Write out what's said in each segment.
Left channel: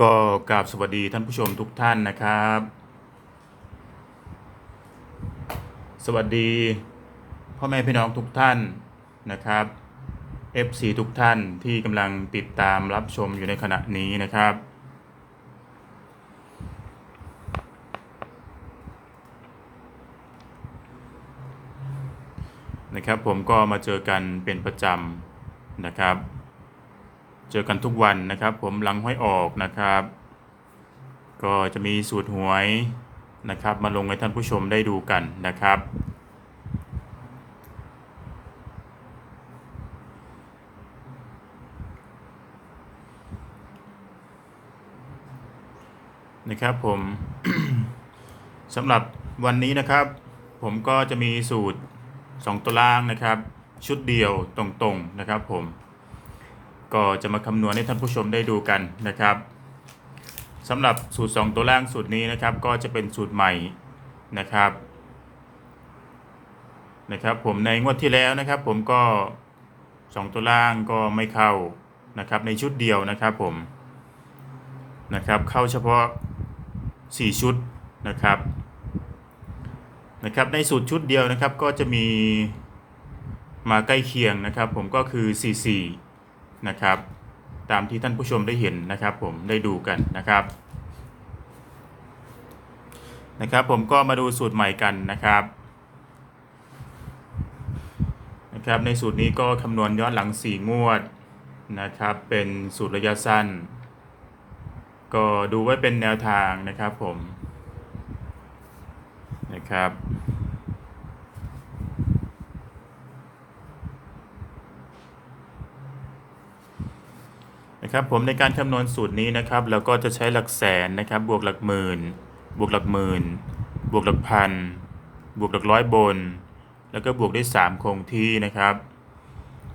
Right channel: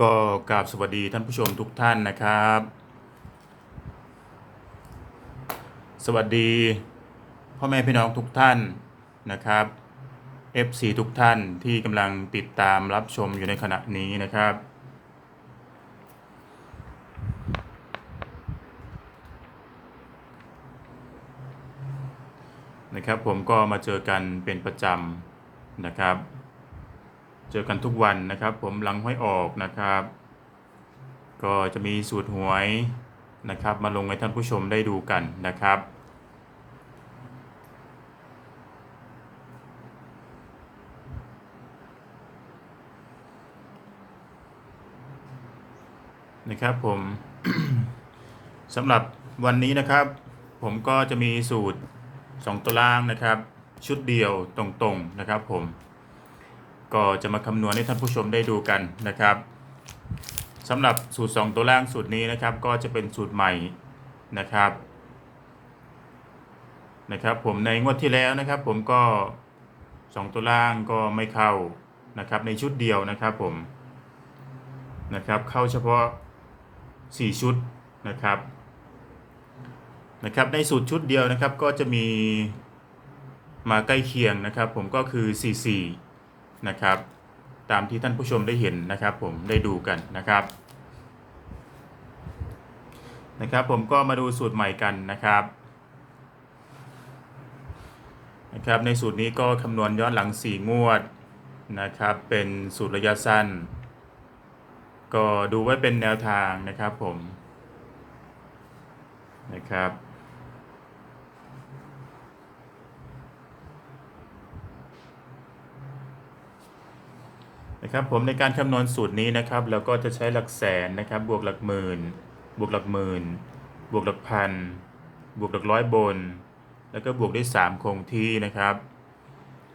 ก็กราบสวัสดีท่านผู้ชมทุกท่านนะครับ สวัสดีพ่อแม่พี่น้องทุกท่านนะครับ FC ทุกท่านที่กำลังติดตามรับชมอยู่ในขณะนี้นะครับ นะครับผมก็มาเจอกันเป็นประจำนะครับ เจอกันทุกวันนะครับ ผมหลังห้อยออกนะครับ ก็จะมีสูตรหวยนะครับ มาลงให้ท่านผู้ชมได้ดูกันนะครับ นะครับผมสำหรับวันนี้นะครับ ผมก็จะมีสูตร 2ตัวล่างนะครับ ชุดเดียวตรงๆนะครับผม ก็จะมาคำนวณให้ท่านผู้ชมได้ดูกันนะครับสำหรับสูตร 2 ตัวล่างสูตรนี้นะครับ ก็จะเป็นสูตรใหม่นะครับนะครับ ผมในงวดที่แล้วนะครับ ผมก็ 2 ตัวล่างก็ไม่เข้านะครับ ในชุดเดียวนะครับผมนะครับ เข้าเฉพาะ 4 ชุดนะครับนะครับในสูตรชุดเดียวนะครับก็จะมีมาใกล้เคียงนะครับ ผมก็คือ 44 นะครับ ตามที่ท่านผู้ชมได้เห็นนะครับ ผมได้ดูกันนะครับ นะครับ ผมก็มาดูสูตรใหม่กันนะครับนะครับในสูตรนี้ก็คำนวณย้อนหลัง 4 งวดนะครับ เป็นสูตรระยะสั้น ก็ดูไว้เป็นแนวทางนะครับผมนะครับ นะครับผมในการคำนวณสูตรนี้นะครับเราก็จะใช้หลักแสนนะครับ บวกหลักหมื่น บวกหลักหมื่น บวกหลักพัน บวกหลักร้อยบน แล้วก็บวกด้วย3คงที่นะครับ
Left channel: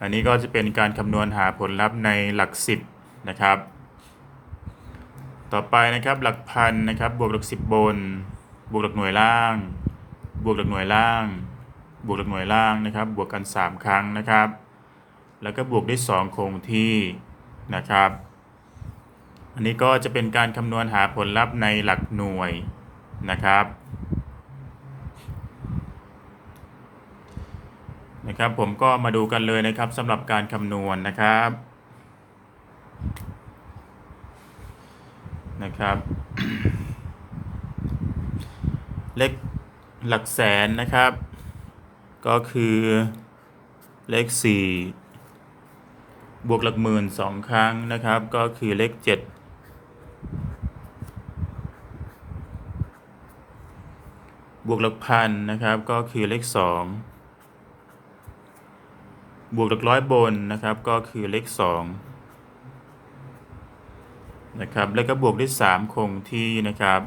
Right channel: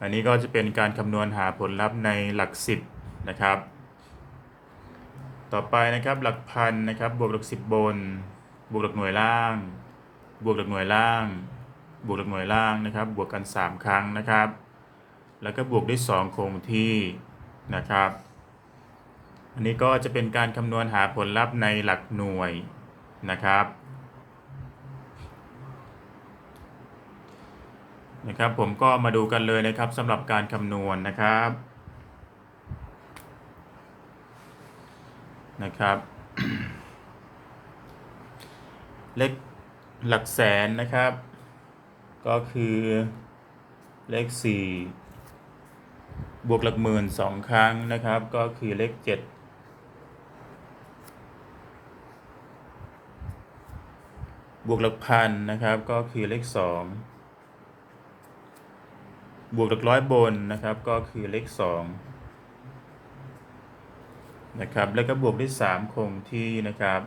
อันนี้ก็จะเป็นการคำนวณหาผลลัพธ์ในหลัก 10 นะครับ ต่อไปนะครับหลักพันนะครับ บวกหลัก 10 บน บวกหลักหน่วยล่าง บวกหลักหน่วยล่าง บวกหลักหน่วยล่างนะครับ บวกกัน 3 ครั้งนะครับ แล้วก็บวกด้วย2คงที่ นะครับ อันนี้ก็จะเป็นการคำนวณหาผลลัพธ์ในหลักหน่วยนะครับนะครับ ผมก็มาดูกันเลยนะครับสำหรับการคำนวณนะครับนะครับ เลขหลักแสนนะครับ ก็คือเลข4 บวกหลักหมื่นสองครั้งนะครับ ก็คือเลขเจ็ดบวกหลักพันนะครับ ก็คือเลขสองบวกหลักร้อยบนนะครับ ก็คือเลขสองนะครับ แล้วก็บวกด้วยสามคงที่นะครับ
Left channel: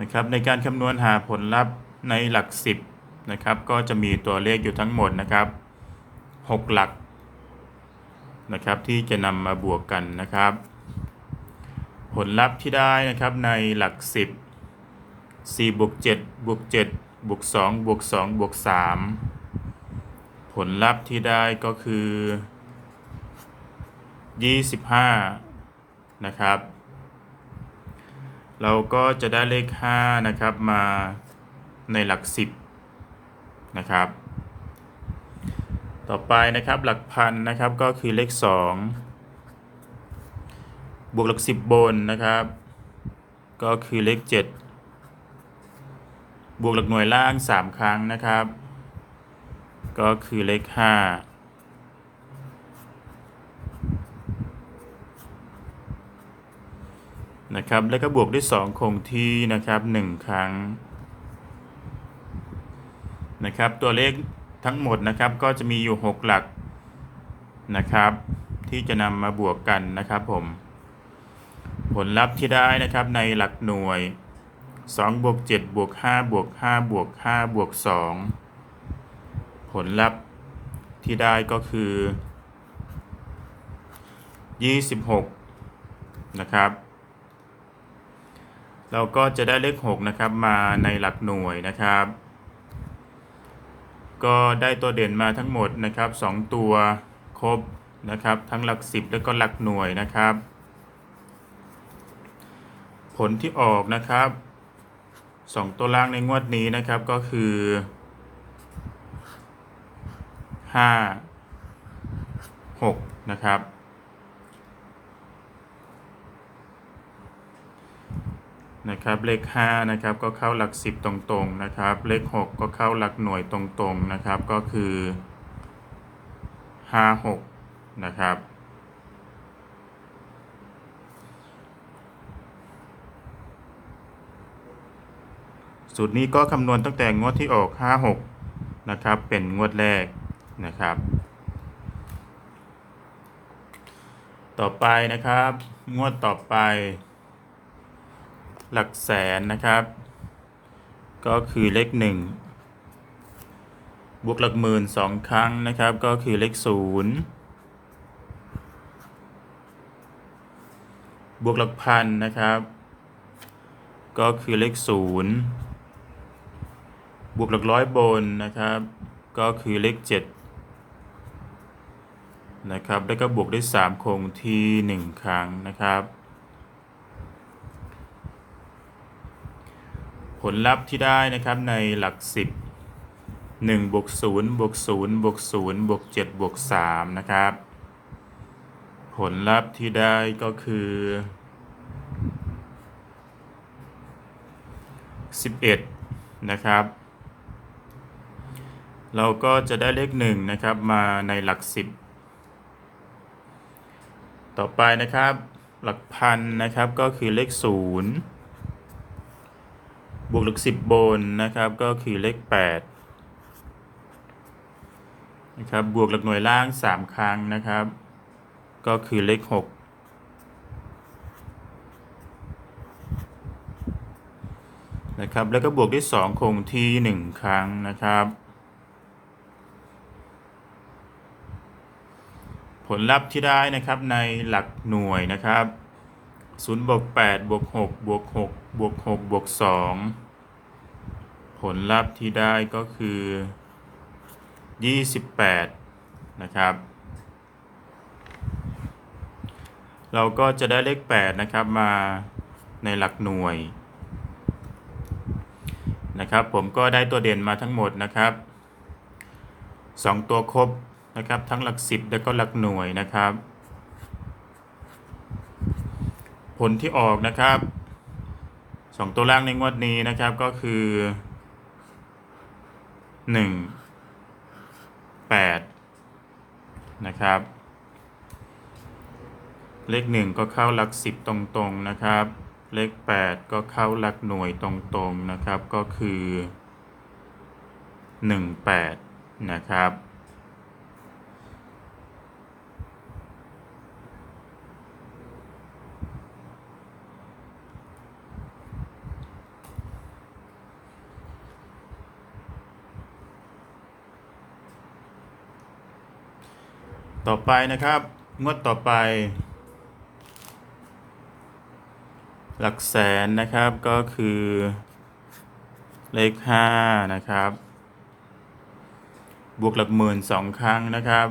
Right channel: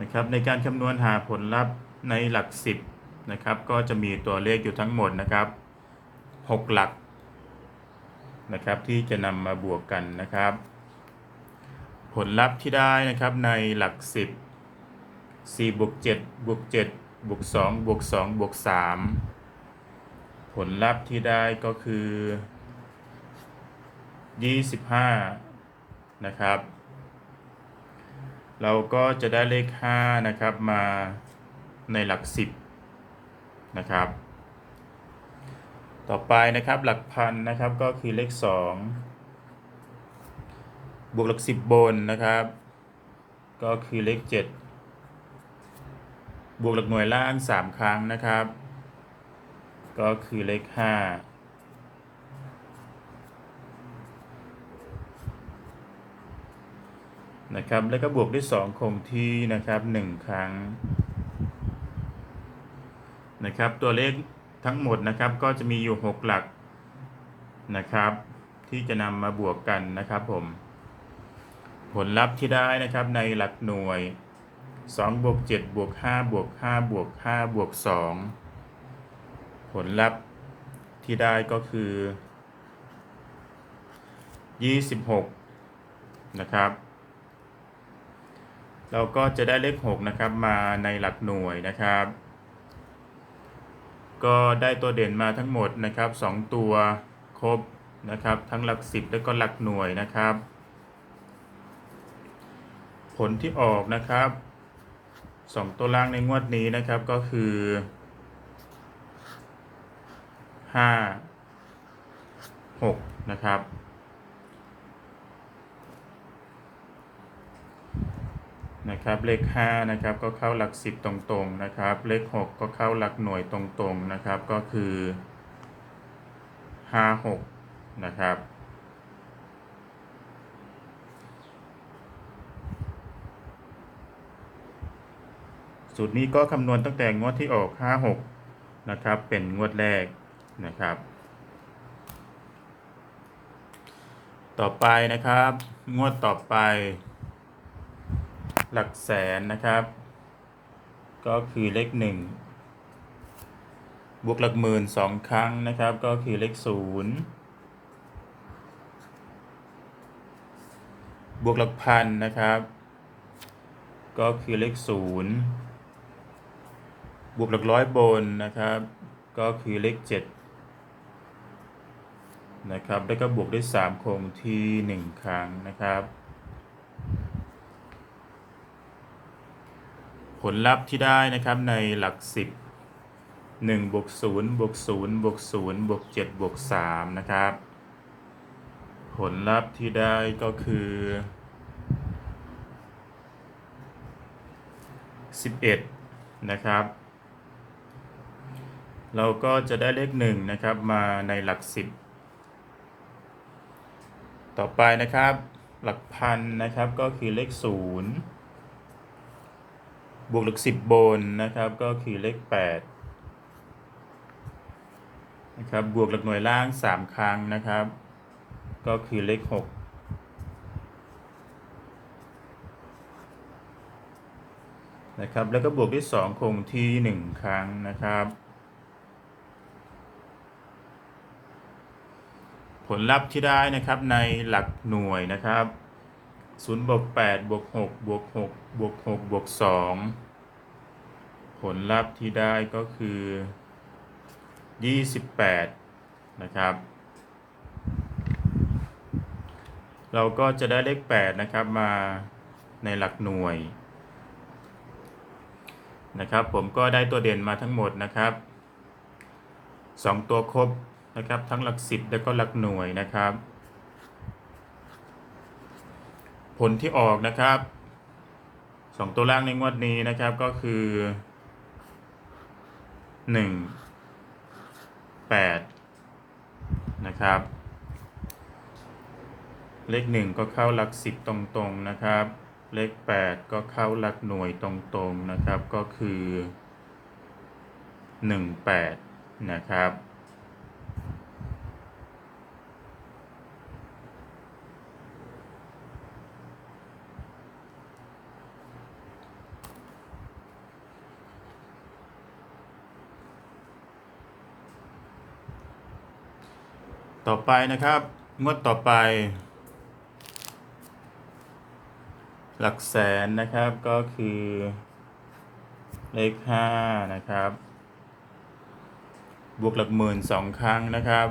นะครับ ในการคำนวณหาผลลัพธ์ในหลักสิบ นะครับก็จะมีตัวเลขอยู่ทั้งหมดนะครับ 6 หลักนะครับที่จะนำมาบวกกันนะครับ ผลลัพธ์ที่ได้นะครับในหลัก 10 4บวก7บวก7บวก2บวก2บวก3ผลลัพธ์ที่ได้ก็คือ 25 นะครับ เราก็จะได้เลข 5 นะครับมาในหลัก 10 นะครับ ต่อไปนะครับหลักพันนะครับก็คือเลข 2 บวกหลัก 10 บนนะครับ ก็คือเลข 7 บวกหลักหน่วยล่าง 3 ครั้งนะครับ ก็คือเลข 5นะครับแล้วก็บวกด้วย 2 คงที่นะครับ 1 ครั้ง นะครับ ตัวเลขทั้งหมดนะครับก็จะมีอยู่ 6 หลักนะครับ ที่จะนำมาบวกกันนะครับผม ผลลัพธ์ที่ได้นะครับในหลักหน่วย2บวก7บวก5บวก5บวก5บวก2ผลลัพธ์ที่ได้ก็คือ 26 นะครับ เราก็จะได้เลข 6 นะครับมาในหลักหน่วยนะครับ ก็ได้ตัวเด่นมาทั้งหมดนะครับ 2 ตัวครบนะครับ ทั้งหลักสิบแล้วก็หลักหน่วยนะครับ ผลที่ออกนะครับสองตัวล่างในงวดนี้นะครับก็คือห้าหกนะครับ นะครับเลข5นะครับก็เข้าหลัก 10 ตรงๆนะครับเลข 6 ก็เข้าหลักหน่วยตรงๆนะครับก็คือ 5 6 นะครับ สูตรนี้ก็คำนวณตั้งแต่งวดที่ออก 5 6 นะครับเป็นงวดแรกนะครับ ต่อไปนะครับ งวดต่อไป หลักแสนนะครับ ก็คือเลขหนึ่งบวกหลักหมื่นสองครั้งนะครับ ก็คือเลขศูนย์บวกหลักพันนะครับ ก็คือเลขศูนย์บวกหลักร้อยบนนะครับ ก็คือเลขเจ็ดนะครับ แล้วก็บวกด้วยสามคงที่หนึ่งครั้งนะครับ ผลลัพธ์ที่ได้นะครับในหลัก 10 1บวก0บวก0บวก0บวก7บวก3นะครับ ผลลัพธ์ที่ได้ก็คือ 11 นะครับ เราก็จะได้เลข1นะครับมาในหลัก 10 ต่อไปนะครับหลักพันนะครับก็คือเลข 0 บวกหลักสิบบนนะครับ ก็คือเลขแปดนะครับ บวกหลักหน่วยล่างสามครั้งนะครับ ก็คือเลขหกนะครับ แล้วก็บวกด้วยสองคงที่หนึ่งครั้งนะครับผลลัพธ์ที่ได้นะครับในหลักหน่วยนะครับ 0บวก8บวก6บวก6 บวก6บวก2ผลลัพธ์ที่ได้ก็คือ 28 นะครับ เราก็จะได้เลข 8 นะครับมาในหลักหน่วย นะครับ ผมก็ได้ตัวเด่นมาทั้งหมดนะครับ 2 ตัวครบนะครับ ทั้งหลัก 10 แล้วก็หลักหน่วยนะครับ ผลที่ออกนะครับ สองตัวล่างในงวดนี้นะครับก็คือหนึ่งแปดนะครับ เลขหนึ่งก็เข้าหลักสิบตรงๆนะครับ เลขแปดก็เข้าหลักหน่วยตรงๆนะครับก็คือหนึ่งแปดนะครับ ต่อไปนะครับ งวดต่อไป หลักแสนนะครับก็คือเลขห้านะครับ บวกหลักหมื่นสองครั้งนะครับ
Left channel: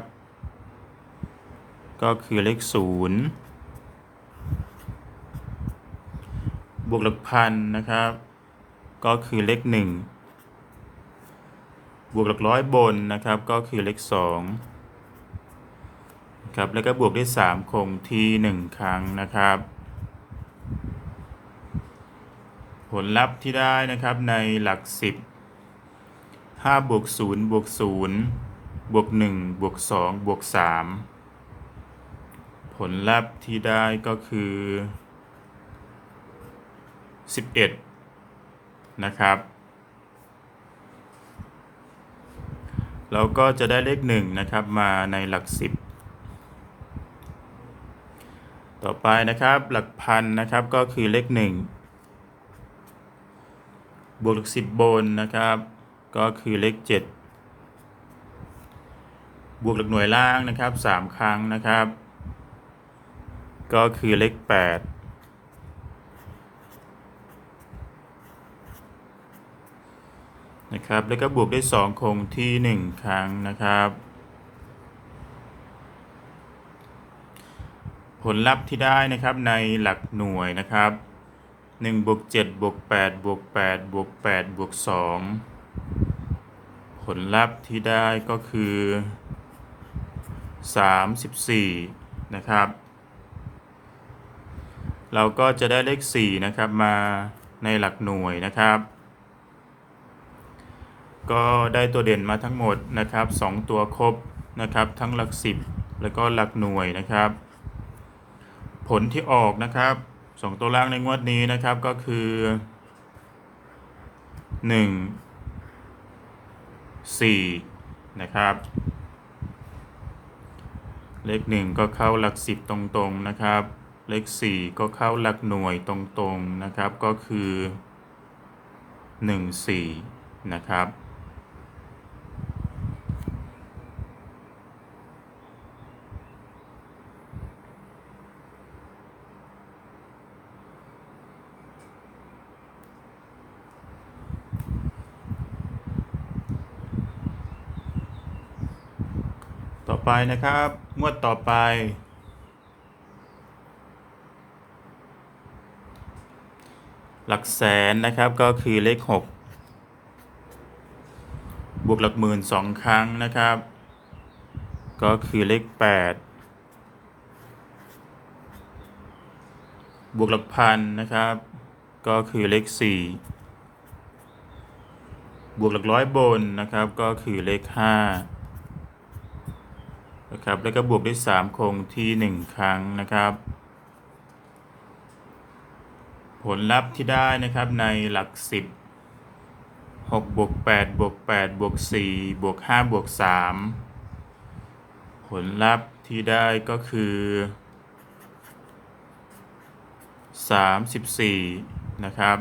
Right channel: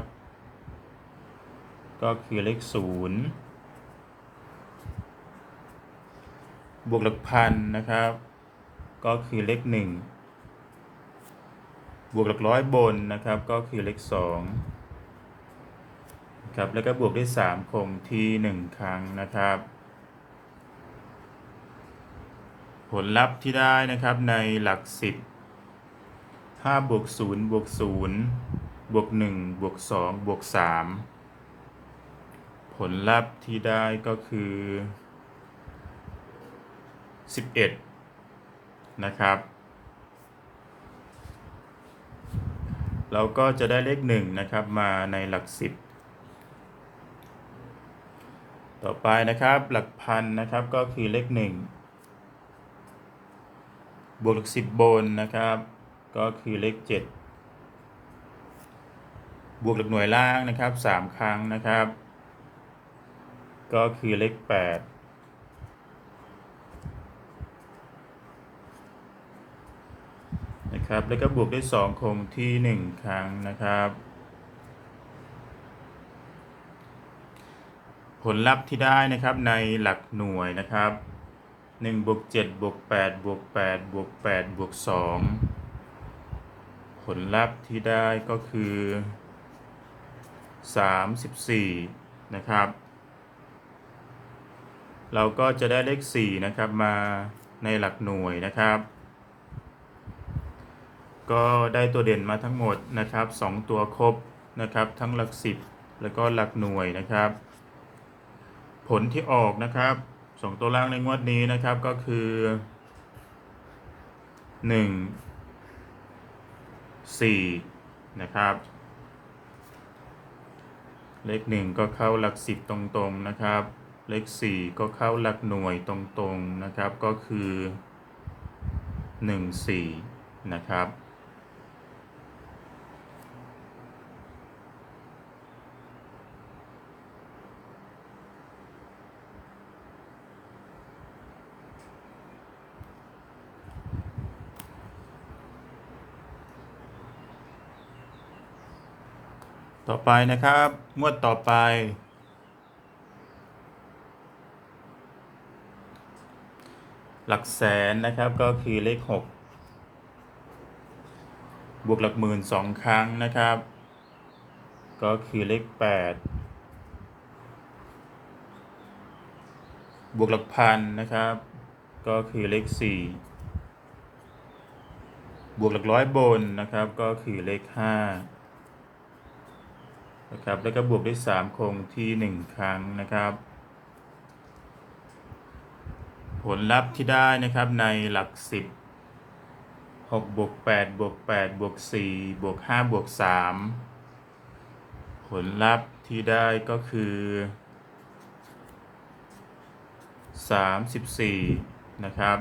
ก็คือเลขศูนย์บวกหลักพันนะครับ ก็คือเลขหนึ่งบวกหลักร้อยบนนะครับ ก็คือเลขสอง ครับแล้วก็บวกด้วย 3 คงที่ 1 ครั้งนะครับ ผลลัพธ์ที่ได้นะครับในหลัก 10 5บวก0บวก0บวก1บวก2บวก3ผลลัพธ์ที่ได้ก็คือ 11 นะครับเราก็จะได้เลข1นะครับมาในหลัก 10 ต่อไปนะครับ หลักพันนะครับก็คือเลขหนึ่งบวกหลักสิบบนนะครับ ก็คือเลขเจ็ดบวกหลักหน่วยล่างนะครับสามครั้งนะครับ ก็คือเลขแปดนะครับ แล้วก็บวกด้วยสองคงที่หนึ่งครั้งนะครับ ผลลัพธ์ที่ได้นะครับในหลักหน่วยนะครับ1บวก7บวก8บวก8บวก8บวก2ผลลัพธ์ที่ได้ก็คือ 34 นะครับ เราก็จะได้เลข 4 นะครับมาในหลักหน่วยนะครับ ก็ได้ตัวเด่นมาทั้งหมดนะครับ 2 ตัวครบนะครับ ทั้งหลัก 10 แล้วก็หลักหน่วยนะครับ ผลที่ออกนะครับสองตัวล่างในงวดนี้นะครับก็คือหนึ่งสี่นะครับ เลขหนึ่งก็เข้าหลักสิบตรงๆนะครับ เลขสี่ก็เข้าหลักหน่วยตรงๆนะครับก็คือหนึ่งสี่นะครับ ไปนะครับ งวดต่อไป หลักแสนนะครับก็คือเลข 6 บวกหลักหมื่นสองครั้งนะครับ ก็คือเลข 8 บวกหลักพันนะครับ ก็คือเลข 4 บวกหลักร้อยบนนะครับ ก็คือเลข 5 นะครับ แล้วก็บวกด้วย 3 คงที่ 1 ครั้งนะครับ ผลลัพธ์ที่ได้นะครับในหลัก 10 6บวก8บวก8บวก4บวก5บวก3ผลลัพธ์ที่ได้ก็คือ 34 นะครับ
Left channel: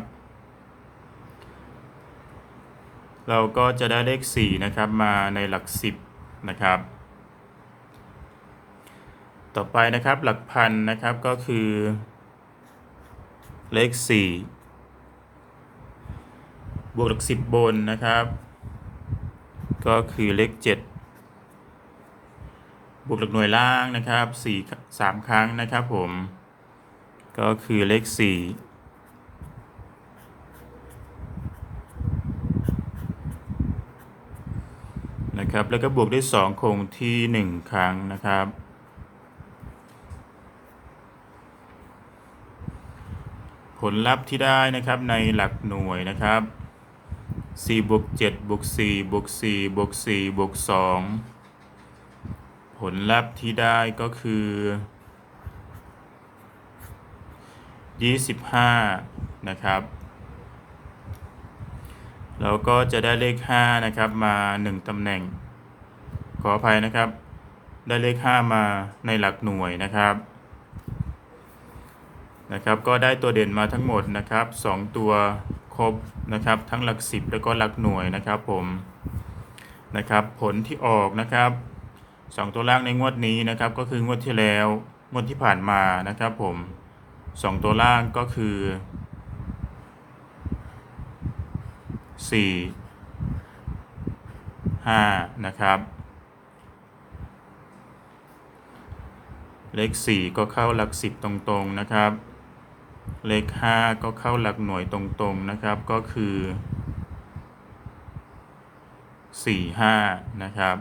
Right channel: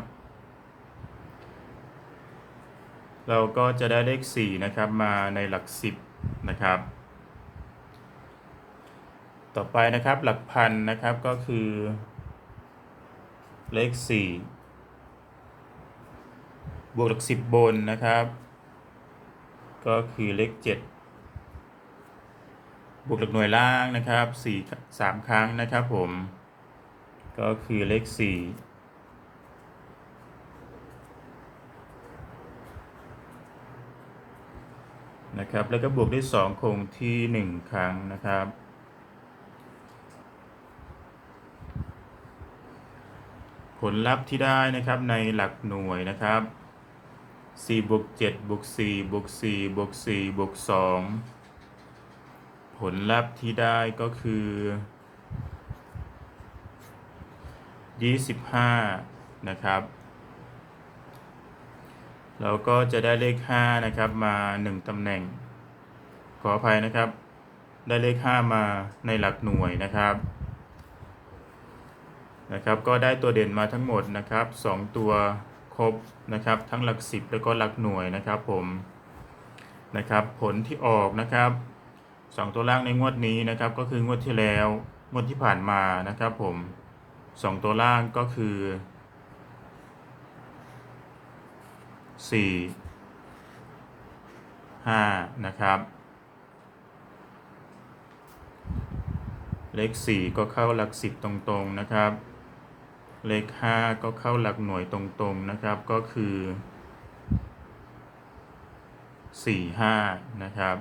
เราก็จะได้เลข 4 นะครับมาในหลัก 10 นะครับ ต่อไปนะครับหลักพันนะครับก็คือเลข 4 บวกหลัก 10 บนนะครับ ก็คือเลข 7 บวกหลักหน่วยล่างนะครับ4 3ครั้งนะครับผม ก็คือเลข 4นะครับแล้วก็บวกด้วย 2 คงที่ 1 ครั้งนะครับ ผลลัพธ์ที่ได้นะครับในหลักหน่วยนะครับ4บวก7บวก4บวก4บวก4บวก2ผลลัพธ์ที่ได้ก็คือ 25 นะครับเราก็จะได้เลข 5 นะครับ มา 1 ตำแหน่ง ขออภัยนะครับ ได้เลข 5 มาในหลักหน่วยนะครับ นะครับก็ได้ตัวเด่นมาทั้งหมดนะครับ 2 ตัวครบนะครับทั้งหลัก 10 แล้วก็หลักหน่วยนะครับผมนะครับผลที่ออกนะครับ 2 ตัวล่างในงวดนี้นะครับก็คืองวดที่แล้วงวดที่ผ่านมานะครับผม 2 ตัวล่างก็คือ 4 5 นะครับ เลข 4 ก็เข้าหลัก 10 ตรงๆนะครับ เลข 5 ก็เข้าหลักหน่วยตรงๆนะครับก็คือ 4 5 นะครับ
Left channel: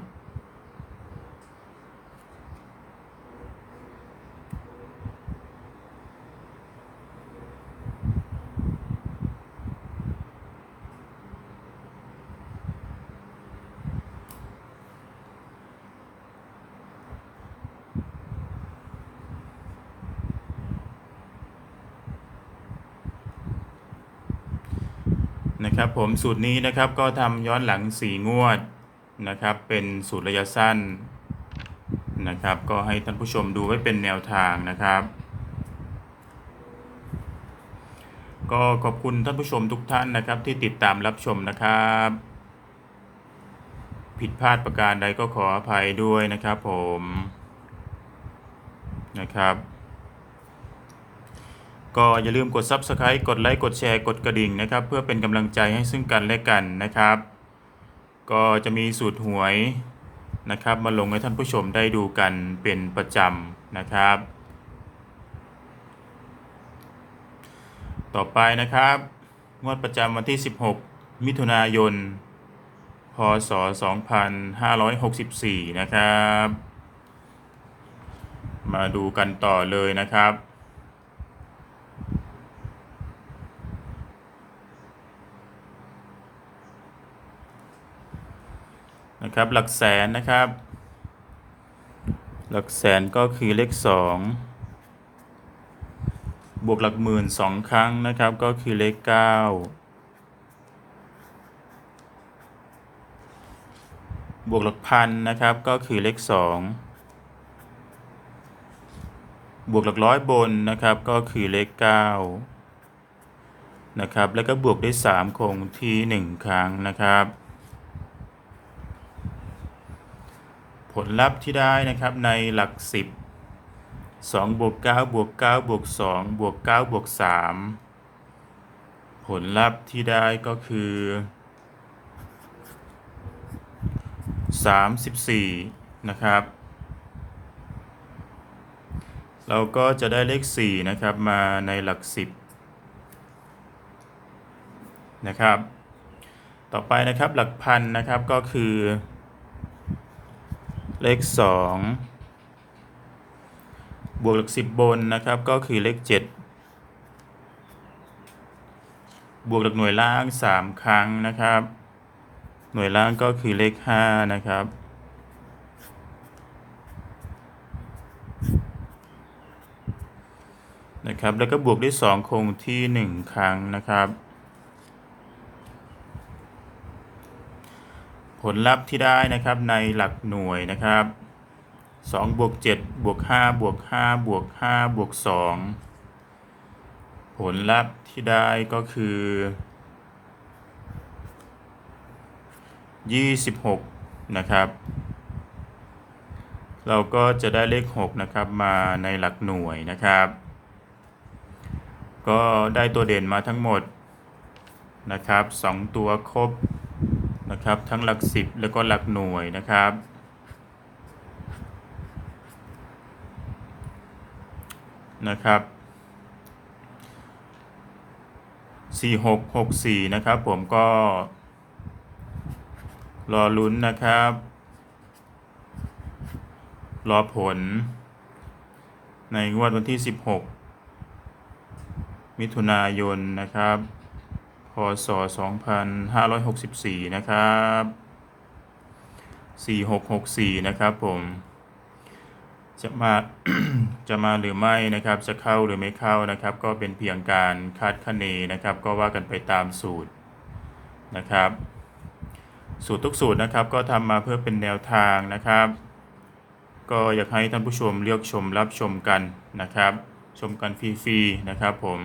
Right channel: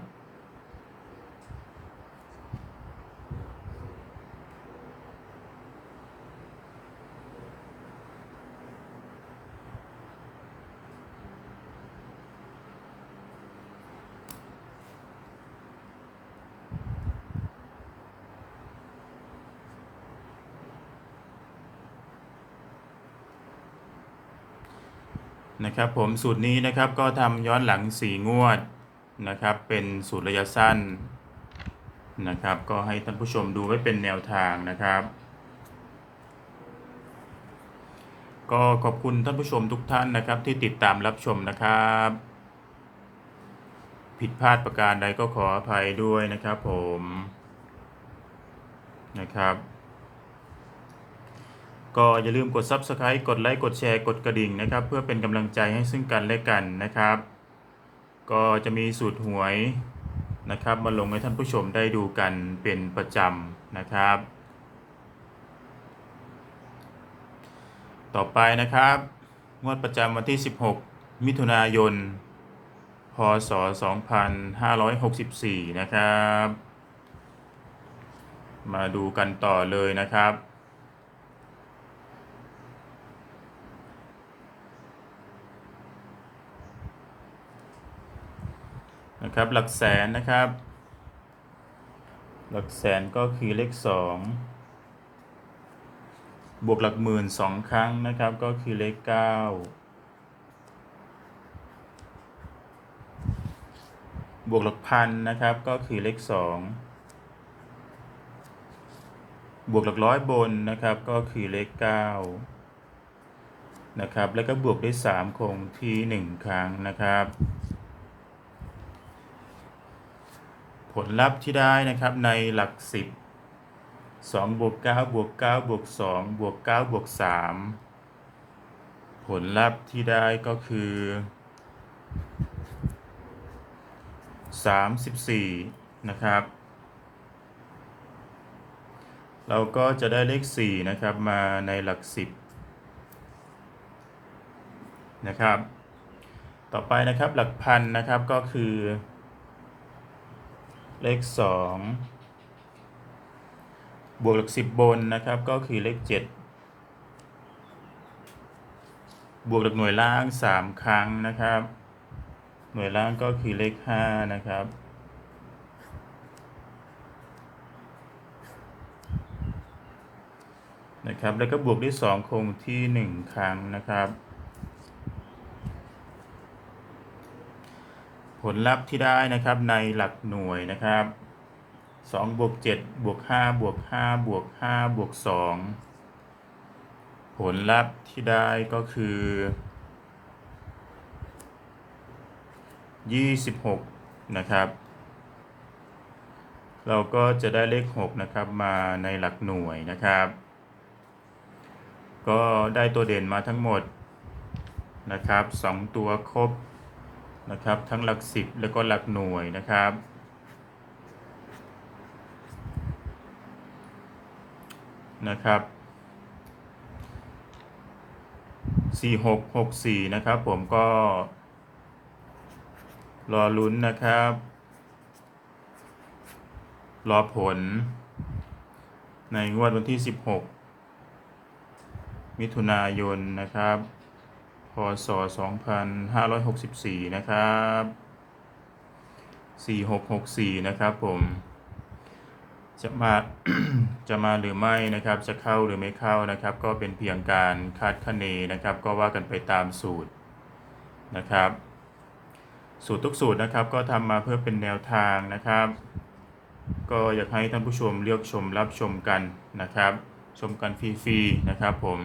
นะครับผมสูตรนี้นะครับก็ทำย้อนหลัง 4 งวดนะครับ เป็นสูตรระยะสั้นนะครับ ก็ให้ท่านผู้ชมดูไว้เป็นแนวทางนะครับ ก็ขอบคุณท่านผู้ชมทุกท่านนะครับ ที่ติดตามรับชมนะครับ ผิดพลาดประการใดก็ขออภัยด้วยนะครับผมนะครับ ก็อย่าลืมกด Subscribe กดไลค์กดแชร์กดกระดิ่งนะครับ เพื่อเป็นกำลังใจให้ซึ่งกันและกันนะครับ ก็จะมีสูตรหวยนะครับ มาลงให้ท่านผู้ชมได้ดูกันเป็นประจำนะครับ ต่อไปนะครับ งวดประจำวันที่ 16 มิถุนายน พศ 2564 นะครับ มาดูกันต่อเลยนะครับ ครับ หลักแสนนะครับ หลักแสนก็คือเลขสองบวกหลักหมื่นสองครั้งนะครับ ก็คือเลขเก้าบวกหลักพันนะครับ ก็คือเลขสองบวกหลักร้อยบนนะครับ ก็คือเลขเก้านะครับ แล้วก็บวกด้วยสามคงที่หนึ่งครั้งนะครับ ผลลัพธ์ที่ได้นะครับในหลัก 10 2บวก9บวก9บวก2บวก9บวก3ผลลัพธ์ที่ได้ก็คือ 34 นะครับ เราก็จะได้เลข 4 นะครับมาในหลัก 10 นะครับ ต่อไปนะครับหลักพันนะครับก็คือ เลขสองบวกหลักสิบบนนะครับ ก็คือเลขเจ็ดบวกหลักหน่วยล่างสามครั้งนะครับ หน่วยล่างก็คือเลขห้านะครับนะครับแล้วก็บวกด้วยสองคงที่หนึ่งครั้งนะครับ ผลลัพธ์ที่ได้นะครับในหลักหน่วยนะครับ2บวก7บวก5บวก5บวก5บวก2ผลลัพธ์ที่ได้ก็คือ 26 นะครับ เราก็จะได้เลข 6 นะครับมาในหลักหน่วยนะครับ ก็ได้ตัวเด่นมาทั้งหมดนะครับ 2 ตัวครบ นะครับ ทั้งหลักสิบแล้วก็หลักหน่วยนะครับ นะครับสี่หกหกสี่นะครับ ผมก็รอลุ้นนะครับ รอผล ในงวดวันที่ 16 มิถุนายนนะครับ ศ 2564 นะครับ 4664 นะครับผม จะมา จะมาหรือไม่นะครับ จะเข้าหรือไม่เข้านะครับ ก็เป็นเพียงการคาดคะเนนะครับ ก็ว่ากันไปตามสูตรนะครับ สูตรทุกสูตรนะครับ ก็ทำมาเพื่อเป็นแนวทางนะครับ ก็อยากให้ท่านผู้ชมเลือกชมรับชมกันนะครับ ชมกันฟรีๆนะครับผม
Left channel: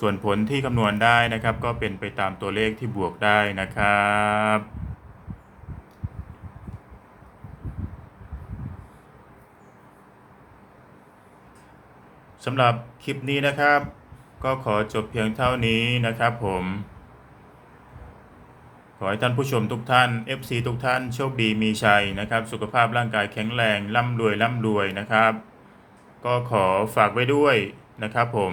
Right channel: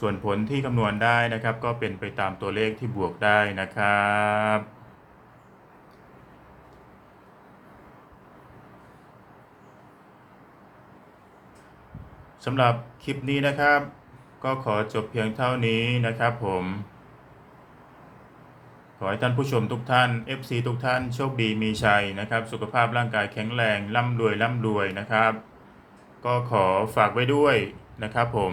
ส่วนผลที่คำนวณได้นะครับ ก็เป็นไปตามตัวเลขที่บวกได้นะครับสำหรับคลิปนี้นะครับ ก็ขอจบเพียงเท่านี้นะครับผม ขอให้ท่านผู้ชมทุกท่าน FC ทุกท่านโชคดีมีชัยนะครับ สุขภาพร่างกายแข็งแรงร่ำรวยร่ำรวยนะครับ ก็ขอฝากไว้ด้วยนะครับผม